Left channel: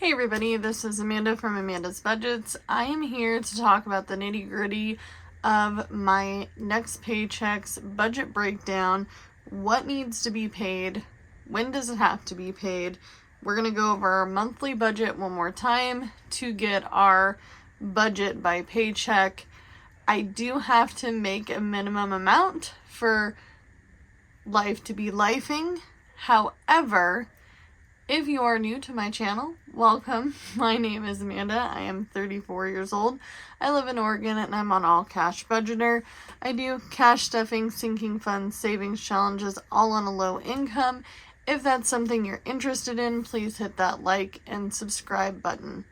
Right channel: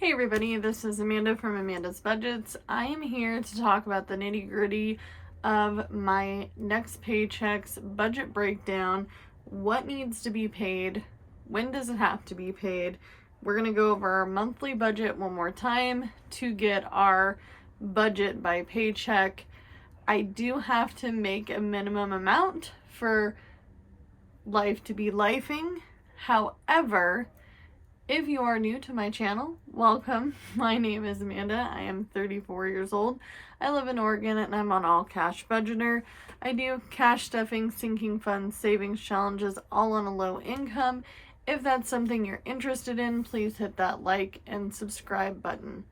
Hey everybody, this is Amanda from Amanda's Budgets. I am here to talk about the nitty-gritty of my next paycheck's budget breakdown, what needs to be paid, when does it have to be paid. We're going to go over our monthly budget one more time to get our budget by paycheck. I do have to make a minimum amount for life to be lifing. However, if you are new to my channel, welcome. My name is Amanda. I am 34 years old. I live in Oregon and I'm on all cash budgeter. I do cash stuffing, sinking funds, savings challenges, all on a low income. If that's something you're interested in, please hit that like and subscribe button.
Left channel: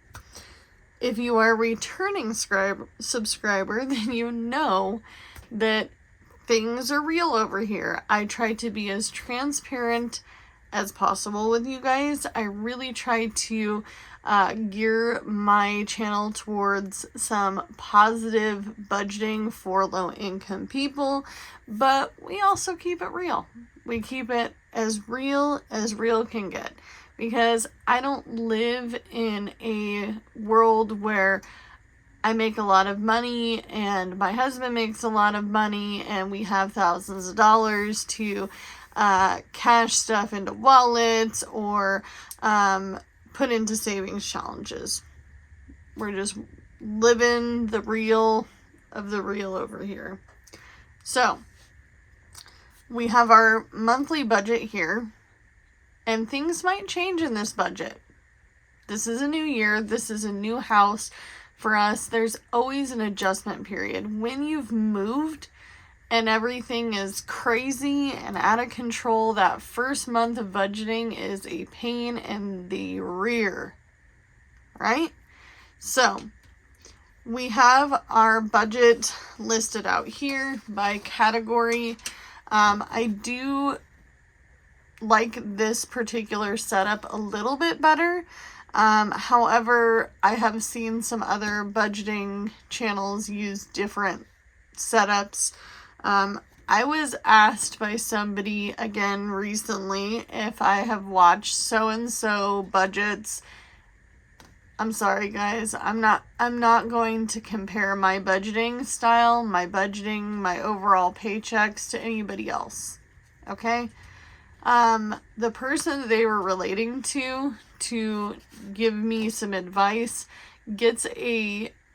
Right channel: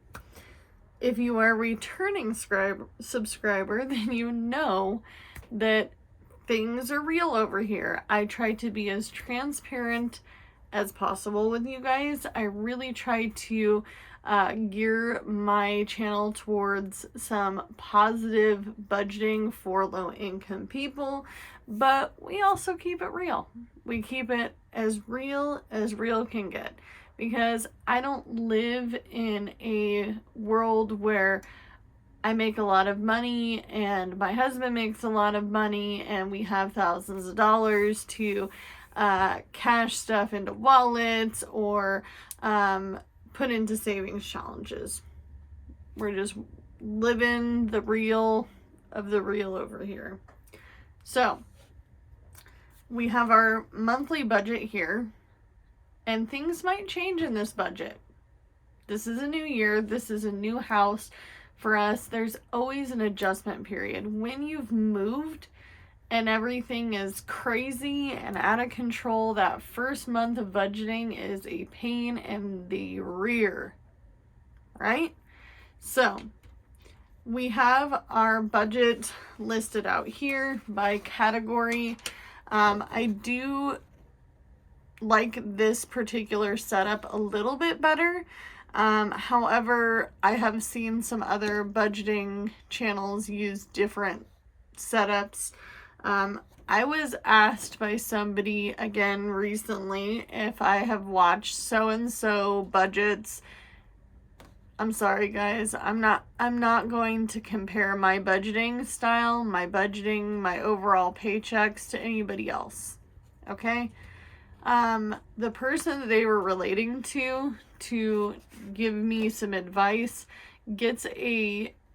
If you are a returning subscriber, then you know that things are real over here. I try to be as transparent as possible with you guys. I really try to gear my channel towards some positive budgeting for low income people, but we also keep it real. We keep it as real can get, because I don't live in a world where I make a lot of money and my husband makes a lot of money and we have thousands of dollars to cash stuff into wallets or put into savings challenges. We're just living the real of the real over here. So we have our monthly budget here, and things might change in this budget. This is a new year. This is a new house for us. There's always an adjustment period. When you've moved and everything is crazy and out of control, that first month of budgeting is a pain in the rear, right? So we have our budget listed out here by category. I do like this particular setup a little bit better. However, I have seen some other budgeting channels use different setups. I was asked by somebody again recently if I have watched so-and-so budgets. I'm sorry guys, I'm not going to compare my budgeting style, my overall paychecks to anybody else. Okay? The person that they were relating to give me some advice gets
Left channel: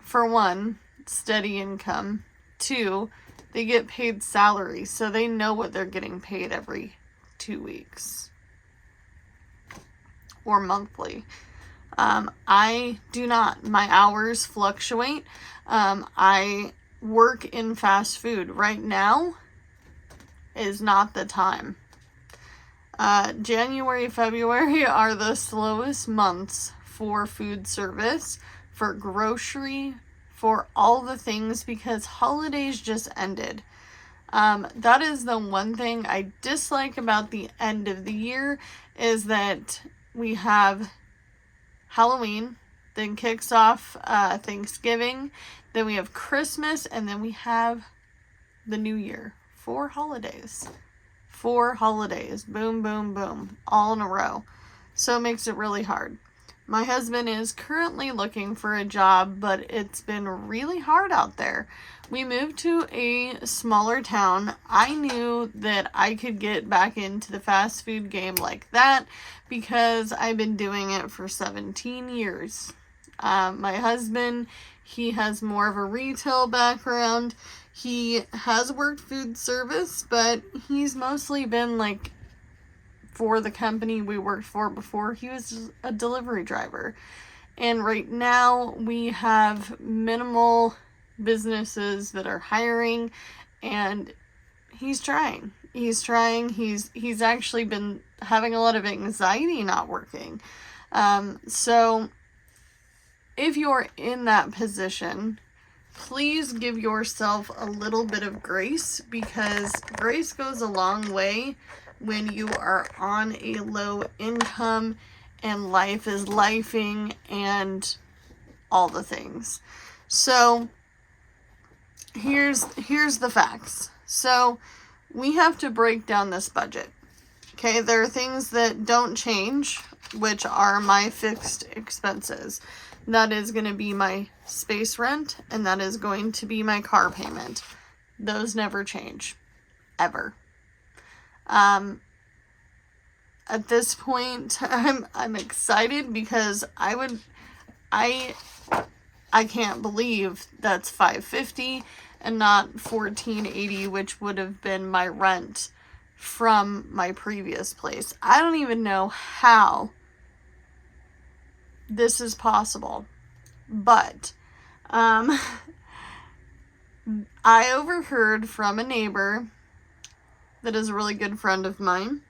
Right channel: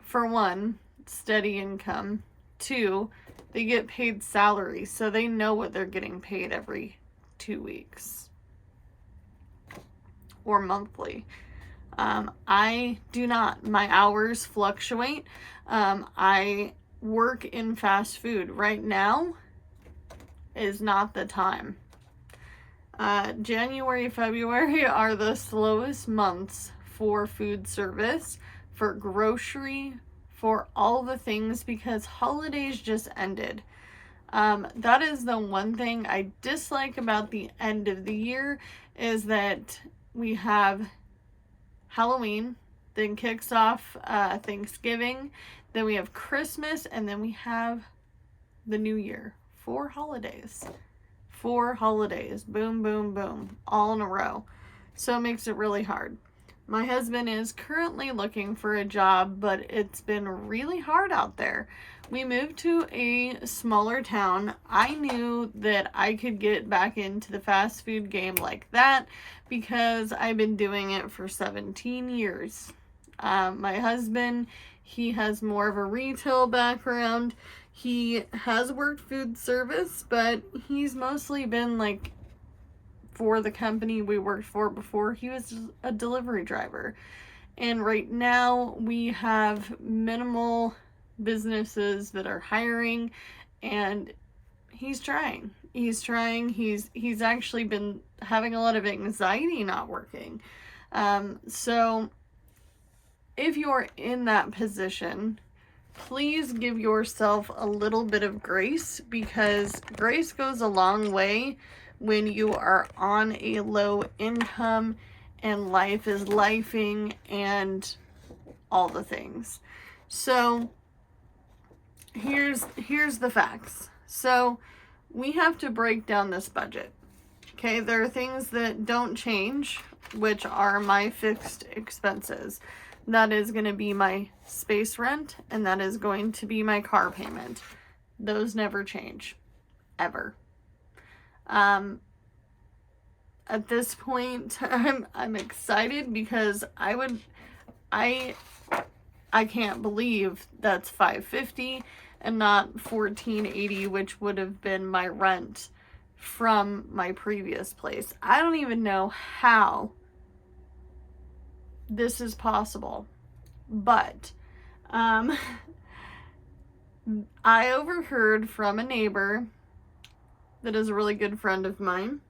for one, steady income. Two, they get paid salary, so they know what they're getting paid every 2 weeks or monthly. I do not. My hours fluctuate. I work in fast food. Right now is not the time. January, February are the slowest months for food service, for grocery, for all the things, because holidays just ended. That is the one thing I dislike about the end of the year, is that we have Halloween, then kicks off Thanksgiving, then we have Christmas, and then we have the New Year. 4 holidays. 4 holidays. Boom, boom, boom. All in a row. So it makes it really hard. My husband is currently looking for a job, but it's been really hard out there. We moved to a smaller town. I knew that I could get back into the fast food game like that because I've been doing it for 17 years. My husband, he has more of a retail background. He has worked food service, but he's mostly been like for the company we worked for before. He was a delivery driver. And right now we have minimal businesses that are hiring, and he's trying. He's actually been having a lot of anxiety not working. So if you're in that position, please give yourself a little bit of grace, because grace goes a long way when you are on a low income and life is lifing and all the things. So here's the facts. So we have to break down this budget. Okay, there are things that don't change. which are my fixed expenses. That is going to be my space rent, and that is going to be my car payment. Those never change, ever. At this point, I'm excited because I can't believe that's $550 and not $1,480, which would have been my rent from my previous place. I don't even know how this is possible, but I overheard from a neighbor that is a really good friend of mine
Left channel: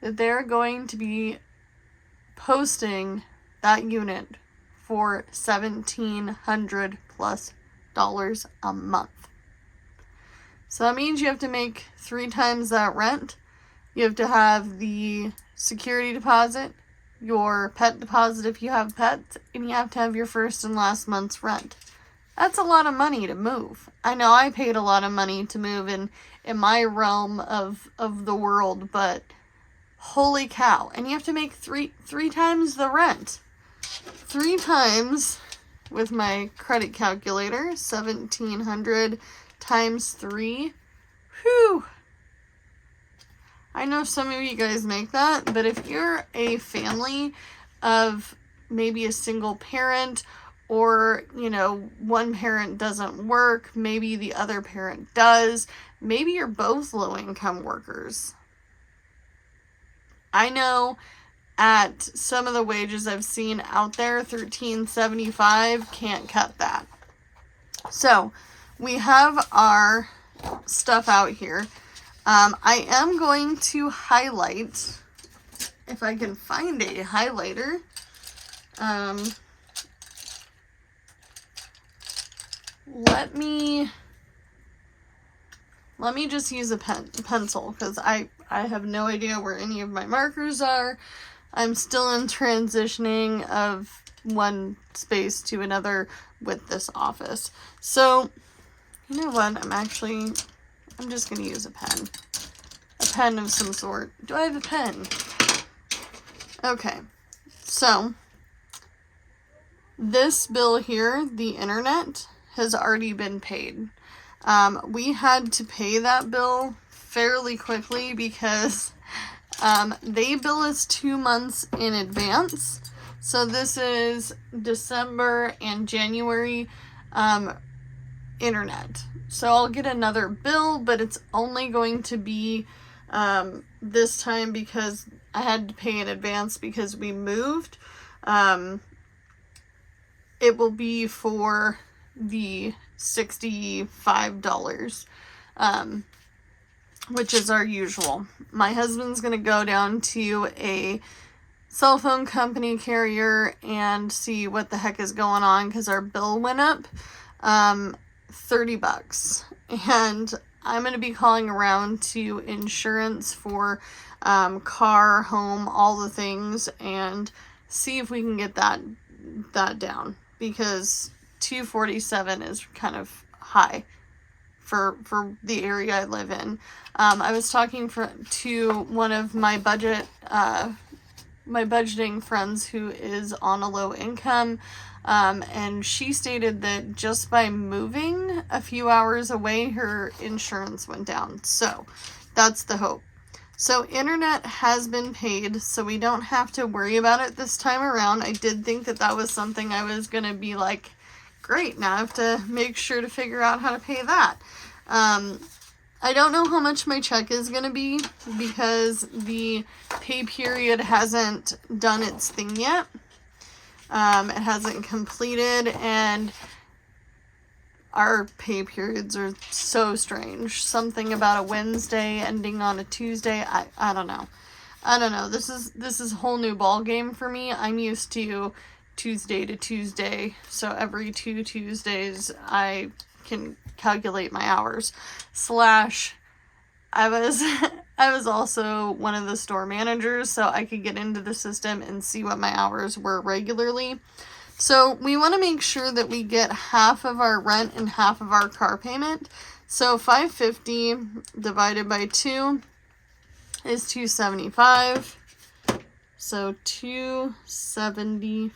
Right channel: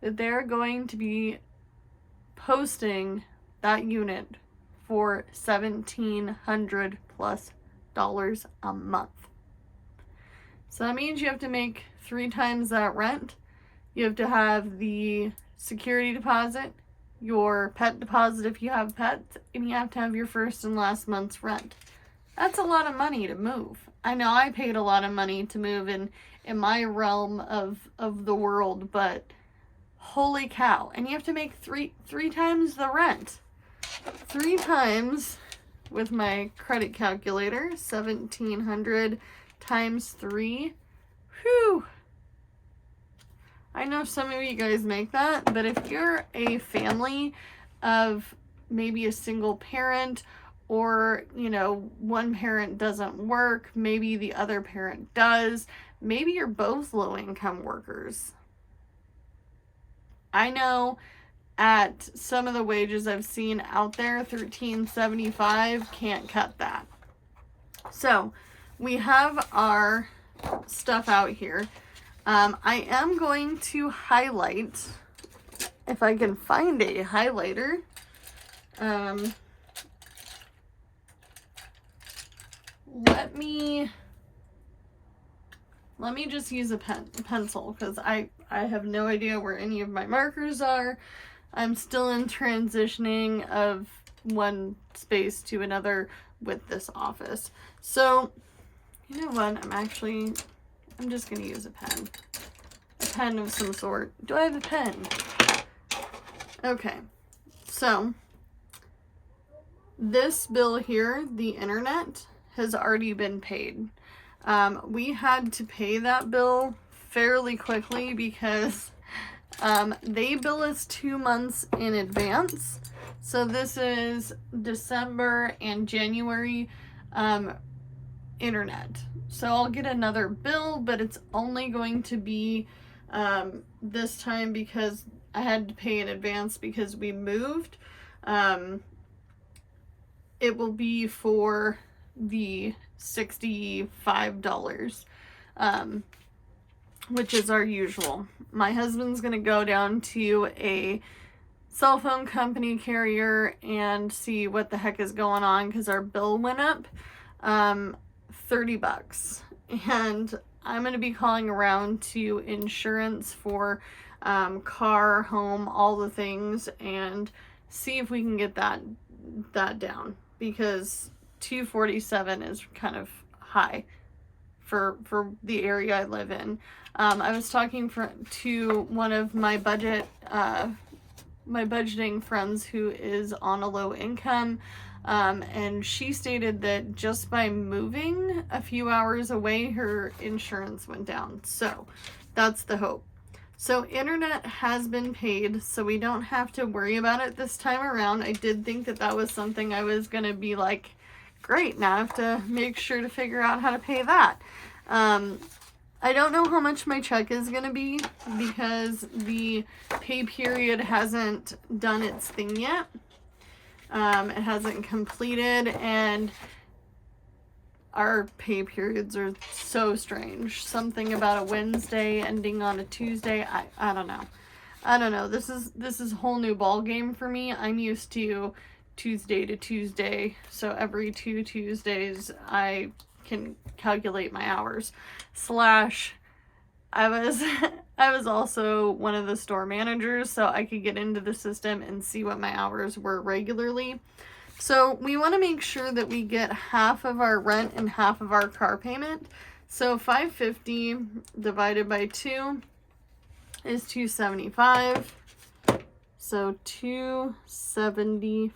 that they're going to be posting that unit for $1,700 plus a month. So that means you have to make 3 times that rent. You have to have the security deposit, your pet deposit if you have pets, and you have to have your first and last month's rent. That's a lot of money to move. I know I paid a lot of money to move in my realm of the world, but holy cow. And you have to make three times the rent. 3 times, with my credit calculator, 1,700 times 3. Whew. I know some of you guys make that, but if you're a family of maybe a single parent, or, you know, one parent doesn't work, maybe the other parent does, maybe you're both low-income workers. I know at some of the wages I've seen out there, $13.75 can't cut that. So we have our stuff out here. I am going to highlight, if I can find a highlighter. Let me just use a pencil, because I have no idea where any of my markers are. I'm still in transitioning of one space to another with this office. So, you know what? I'm just going to use a pen. A pen of some sort. Do I have a pen? Okay. So, this bill here, the internet, has already been paid. We had to pay that bill fairly quickly because they bill us 2 months in advance. So this is December and January internet. So I'll get another bill, but it's only going to be this time because I had to pay in advance because we moved. It will be for the $65, which is our usual. My husband's gonna go down to a cell phone company carrier and see what the heck is going on, because our bill went up $30, and I'm gonna be calling around to insurance for car, home, all the things, and see if we can get that down, because $247 is kind of high for the area I live in. I was talking to one of my budgeting friends who is on a low income, and she stated that just by moving a few hours away, her insurance went down. So that's the hope. So internet has been paid, so we don't have to worry about it this time around. I did think that was something I was going to be like, great, now I have to make sure to figure out how to pay that. I don't know how much my check is going to be because the pay period hasn't done its thing yet. It hasn't completed, and our pay periods are so strange. Something about a Wednesday ending on a Tuesday. I don't know. This is a whole new ball game for me. I'm used to Tuesday to Tuesday, so every 2 Tuesdays I can calculate my hours. I was also one of the store managers, so I could get into the system and see what my hours were regularly. So we want to make sure that we get half of our rent and half of our car payment. So $550 divided by 2 is $275. So $275.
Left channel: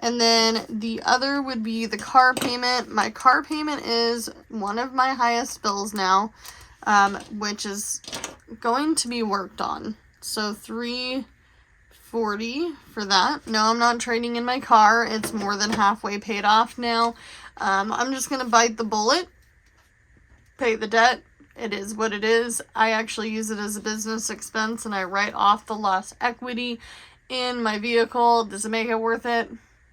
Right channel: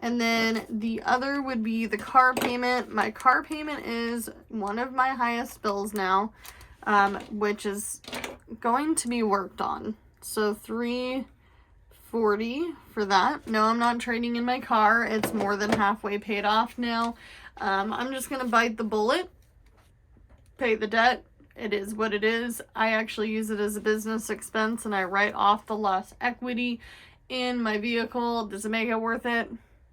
And then the other would be the car payment. My car payment is one of my highest bills now, which is going to be worked on. So $340 for that. No, I'm not trading in my car. It's more than halfway paid off now. I'm just going to bite the bullet, pay the debt. It is what it is. I actually use it as a business expense, and I write off the lost equity in my vehicle. Does it make it worth it?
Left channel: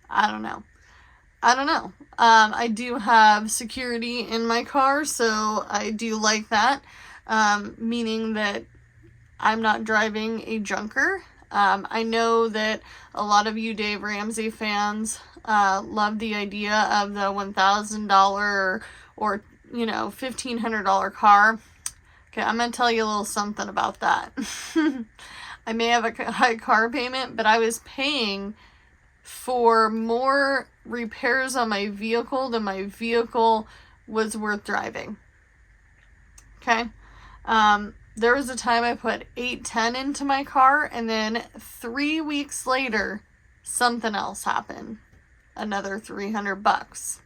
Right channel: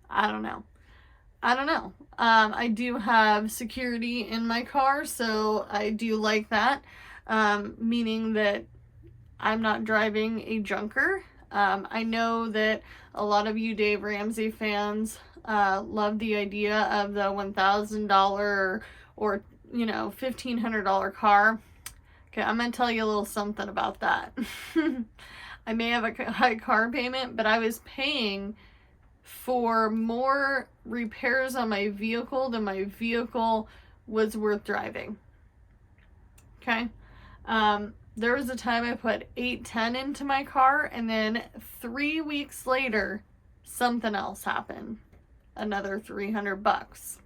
I don't know. I do have security in my car, so I do like that, meaning that I'm not driving a junker. I know that a lot of you Dave Ramsey fans love the idea of the $1,000 or $1,500 car. Okay, I'm going to tell you a little something about that. I may have a high car payment, but I was paying for more repairs on my vehicle than my vehicle was worth driving. Okay. There was a time I put $810 into my car, and then 3 weeks later, something else happened. Another $300.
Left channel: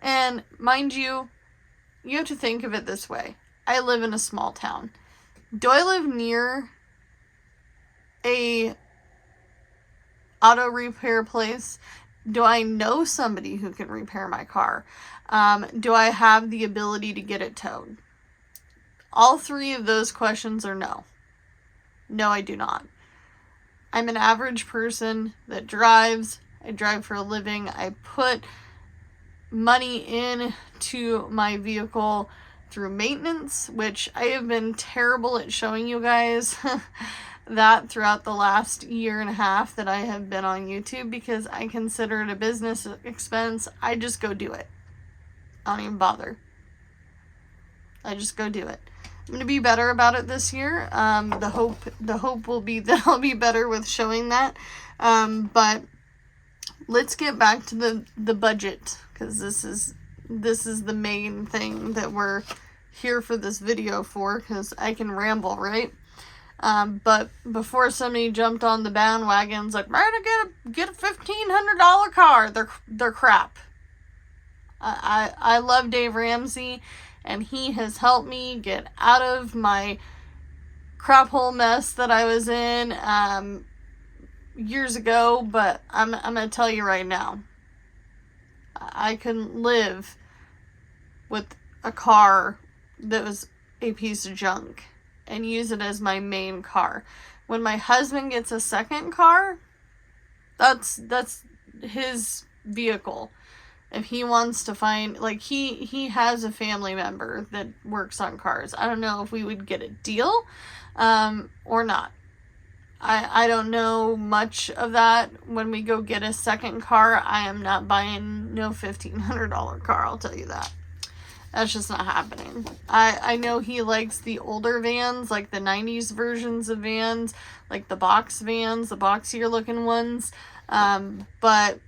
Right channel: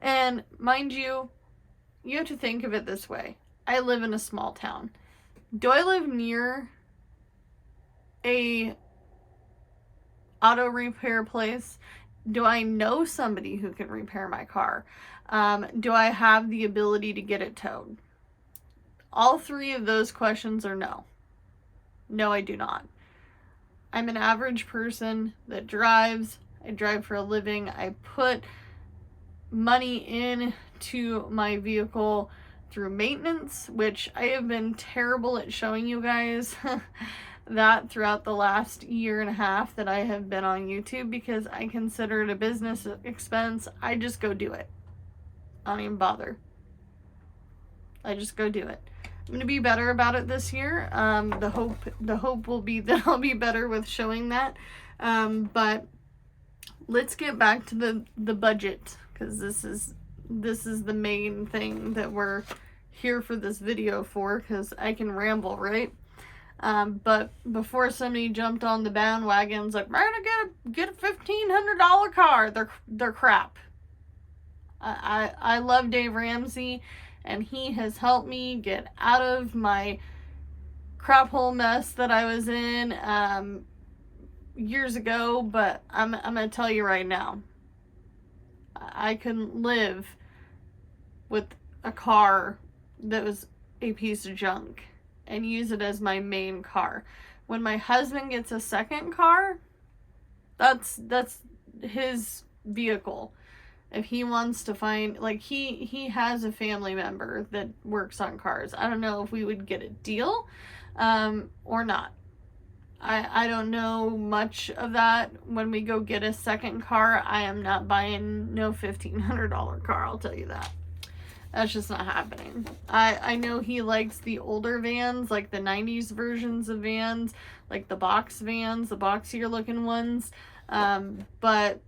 And mind you, you have to think of it this way. I live in a small town. Do I live near a auto repair place? Do I know somebody who can repair my car? Do I have the ability to get it towed? All three of those questions are no. No, I do not. I'm an average person that drives. I drive for a living. I put money into my vehicle through maintenance, which I have been terrible at showing you guys that throughout the last year and a half that I have been on YouTube, because I consider it a business expense. I just go do it. I don't even bother. I just go do it. I'm going to be better about it this year. The hope will be that I'll be better with showing that. But let's get back to the budget, because this is the main thing that we're here for this video for, because I can ramble, right? But before somebody jumped on the bandwagons like, we're gonna get a $1,500 car, they're crap. I love Dave Ramsey, and he has helped me get out of my crap hole mess that I was in years ago. But I'm gonna tell you right now, I couldn't live with a car that was a piece of junk and use it as my main car. When my husband gets a second car, that's his vehicle. If he wants to find, like, he has a family member that works on cars. I don't know if we would get a deal or not. I don't know much of that. When we go get a second car, I am not buying no $1,500 car, I'll tell you that. That's just not happening. I know he likes the older vans, like the 90s versions of vans, like the box vans, the boxier looking ones. But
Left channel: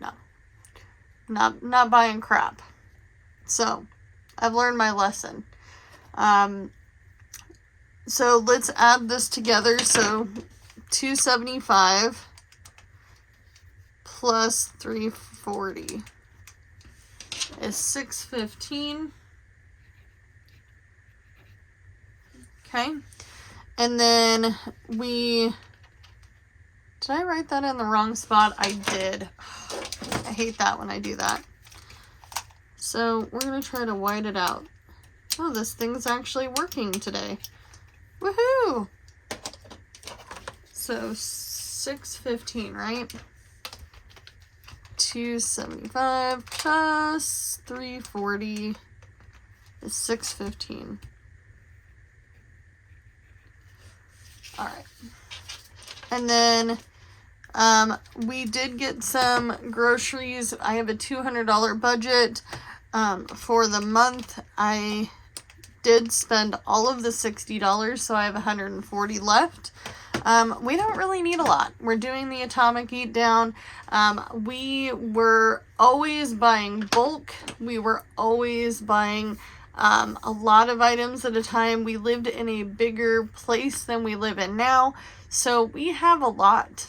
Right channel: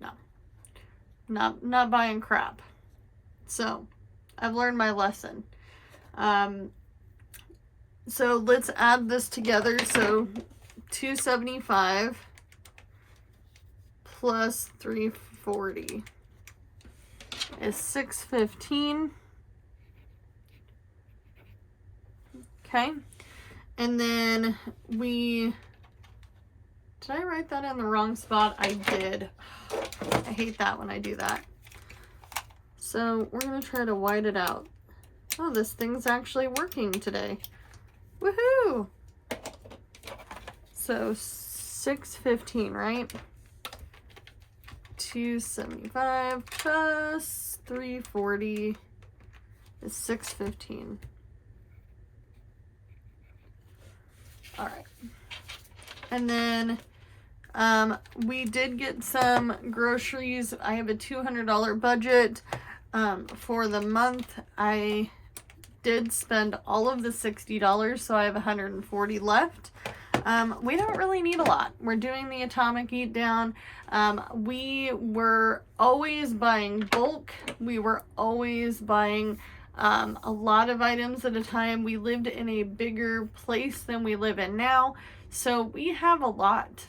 no, not buying crap. So I've learned my lesson. So let's add this together. So $275 plus $340 is $615. Okay. And then did I write that in the wrong spot? I did. I hate that when I do that. So we're going to try to white it out. Oh, this thing's actually working today. Woohoo! So $615, right? $275 plus $340 is $615. All right. And then we did get some groceries. I have a $200 budget for the month. I did spend all of the $60, so I have $140 left. We don't really need a lot. We're doing the Atomic Eat Down. We were always buying bulk. We were always buying a lot of items at a time. We lived in a bigger place than we live in now, so we have a lot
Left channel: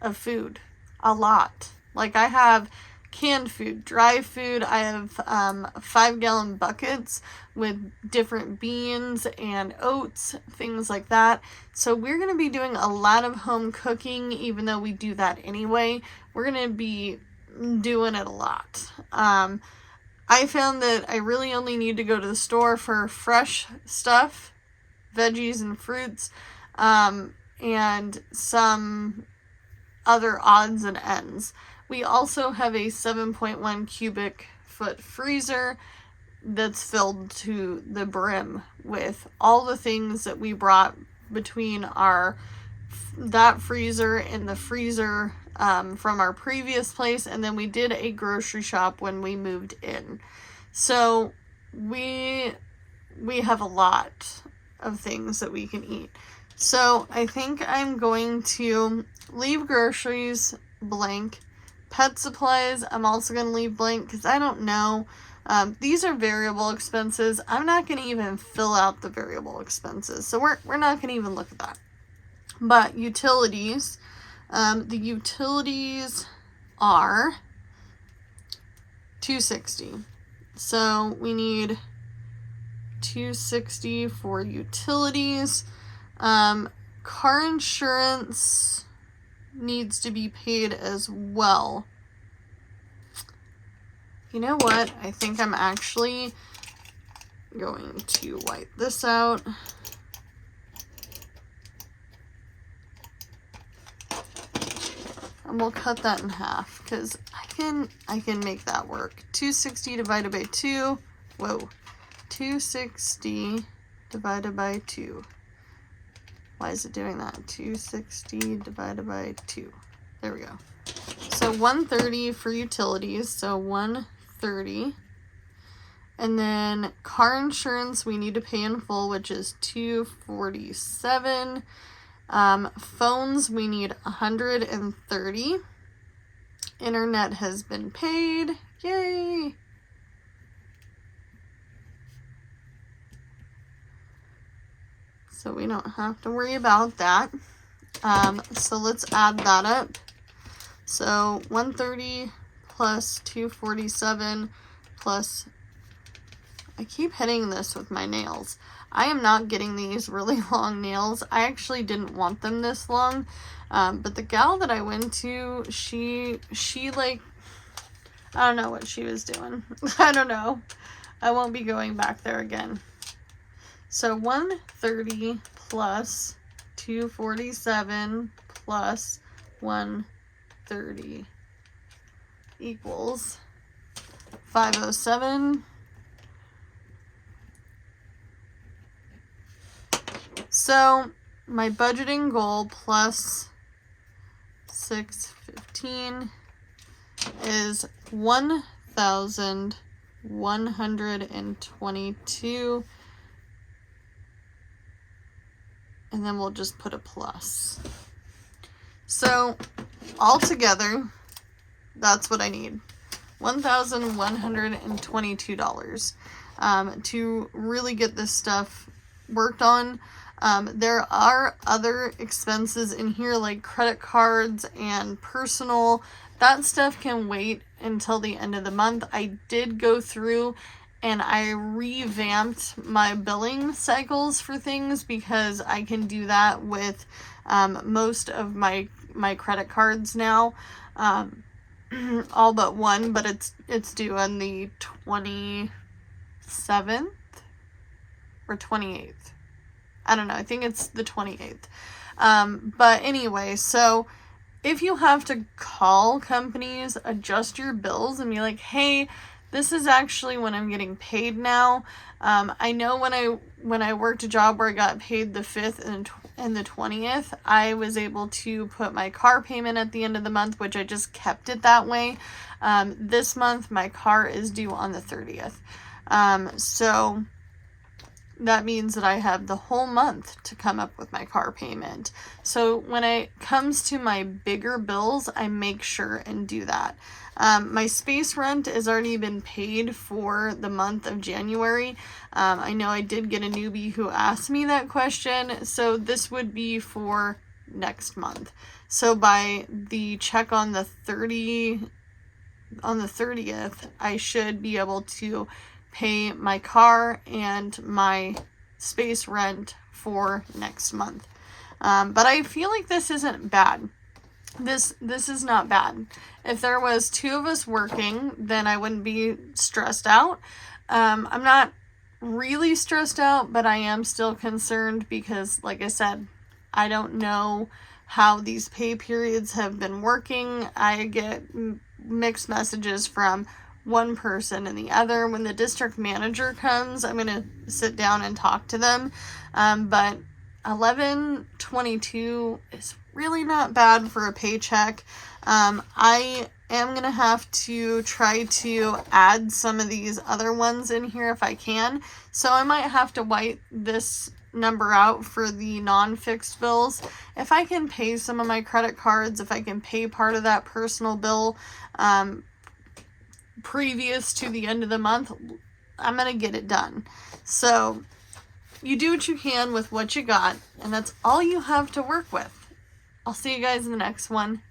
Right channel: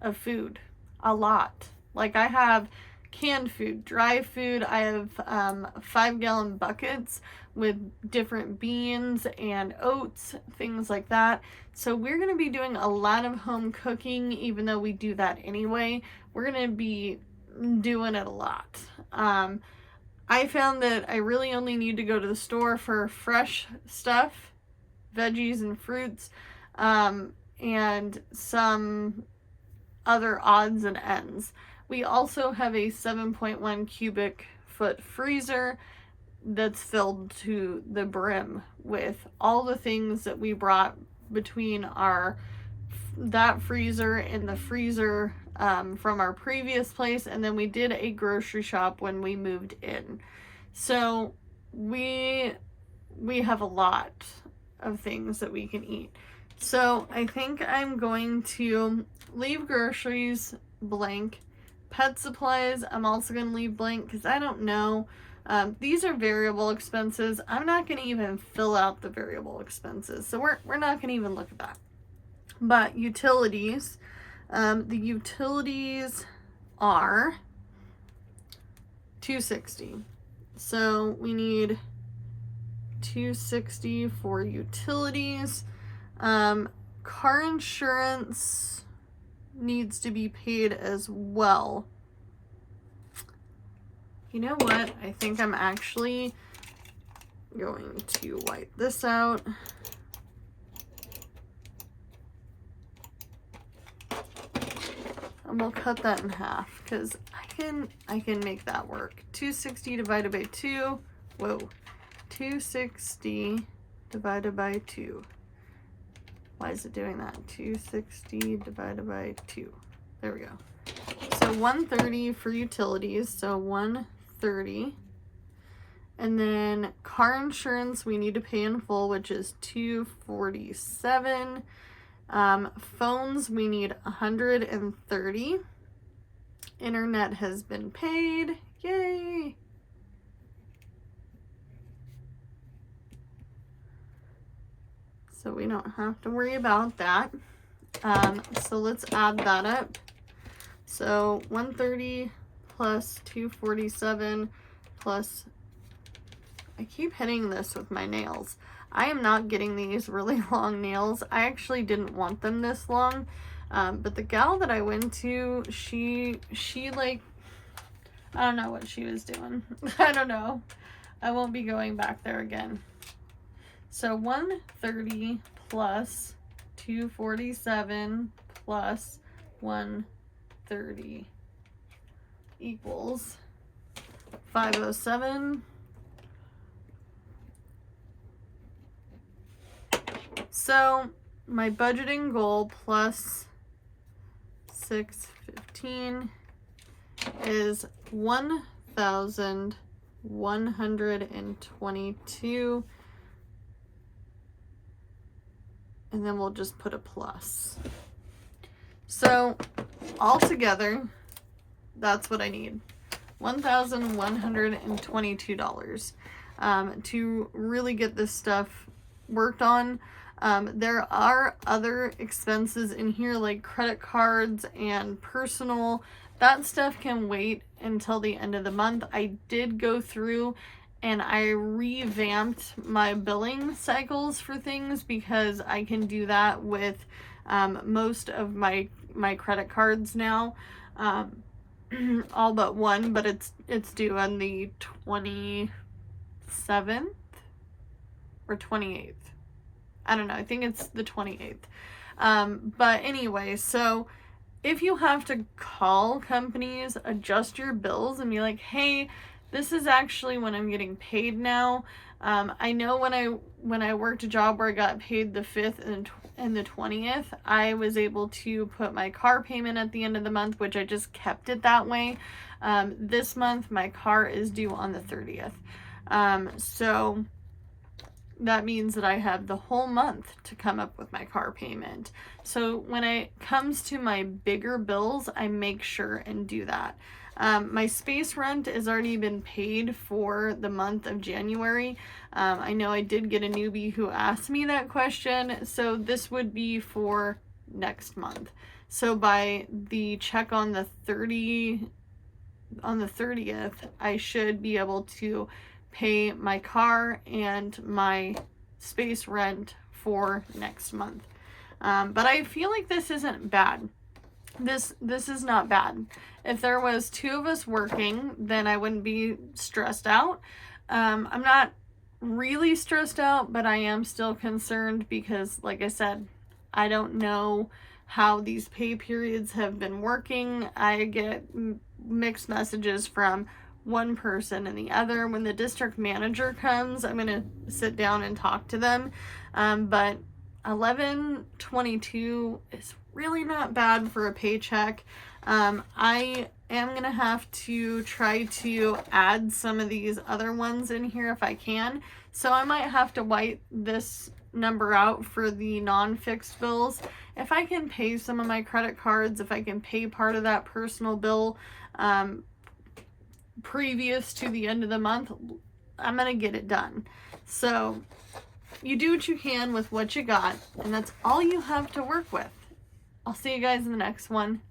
of food. A lot. Like, I have canned food, dry food. I have 5-gallon buckets with different beans and oats, things like that. So we're going to be doing a lot of home cooking, even though we do that anyway. We're going to be doing it a lot. I found that I really only need to go to the store for fresh stuff, veggies and fruits, and some other odds and ends. We also have a 7.1 cubic foot freezer that's filled to the brim with all the things that we brought between that freezer and the freezer from our previous place, and then we did a grocery shop when we moved in. So we have a lot of things that we can eat. So I think I'm going to leave groceries blank. Pet supplies, I'm also going to leave blank because I don't know. These are variable expenses. I'm not going to even fill out the variable expenses. So we're not going to even look at that. But utilities, the utilities are $260. So we need $260 for utilities. Car insurance needs to be paid as well. You know what? I think I'm actually going to wipe this out. And we'll cut that in half because I can make that work. 260 divided by 2. Whoa. 260 divided by 2. Why is it doing that? 260 divided by 2. There we go. So 130 for utilities. So 130. And then car insurance we need to pay in full, which is $247. Phones we need $130. Internet has been paid. Yay! So we don't have to worry about that. So let's add that up. So 130 plus 247 plus, I keep hitting this with my nails. I am not getting these really long nails. I actually didn't want them this long. But the gal that I went to, she like, I don't know what she was doing. I don't know. I won't be going back there again. So 130 plus 247 plus 130 equals 507. So my budgeting goal plus 615 is 1,122. And then we'll just put a plus. So altogether, that's what I need. $1,122 to really get this stuff worked on. There are other expenses in here like credit cards and personal. That stuff can wait until the end of the month. I did go through and I revamped my billing cycles for things because I can do that with most of my credit cards now. All but one, but it's due on the 27th or 28th. I don't know. I think it's the 28th. But anyway, so if you have to call companies, adjust your bills and be like, hey, this is actually when I'm getting paid now. I know when I worked a job where I got paid the 5th and the 20th, I was able to put my car payment at the end of the month, which I just kept it that way. This month, my car is due on the 30th. So that means that I have the whole month to come up with my car payment. So when it comes to my bigger bills, I make sure and do that. My space rent has already been paid for the month of January. I know I did get a newbie who asked me that question, so this would be for next month. So by the check on the 30th, I should be able to pay my car and my space rent for next month. But I feel like this isn't bad. This is not bad. If there was 2 of us working, then I wouldn't be stressed out. I'm not really stressed out, but I am still concerned because, like I said, I don't know how these pay periods have been working. I get mixed messages from one person and the other. When the district manager comes, I'm going to sit down and talk to them. But 11/22 is really not bad for a paycheck. I am going to have to try to add some of these other ones in here if I can. So I might have to white this number out for the non-fixed bills. If I can pay some of my credit cards, if I can pay part of that personal bill previous to the end of the month, I'm going to get it done. So you do what you can with what you got, and that's all you have to work with. I'll see you guys in the next one.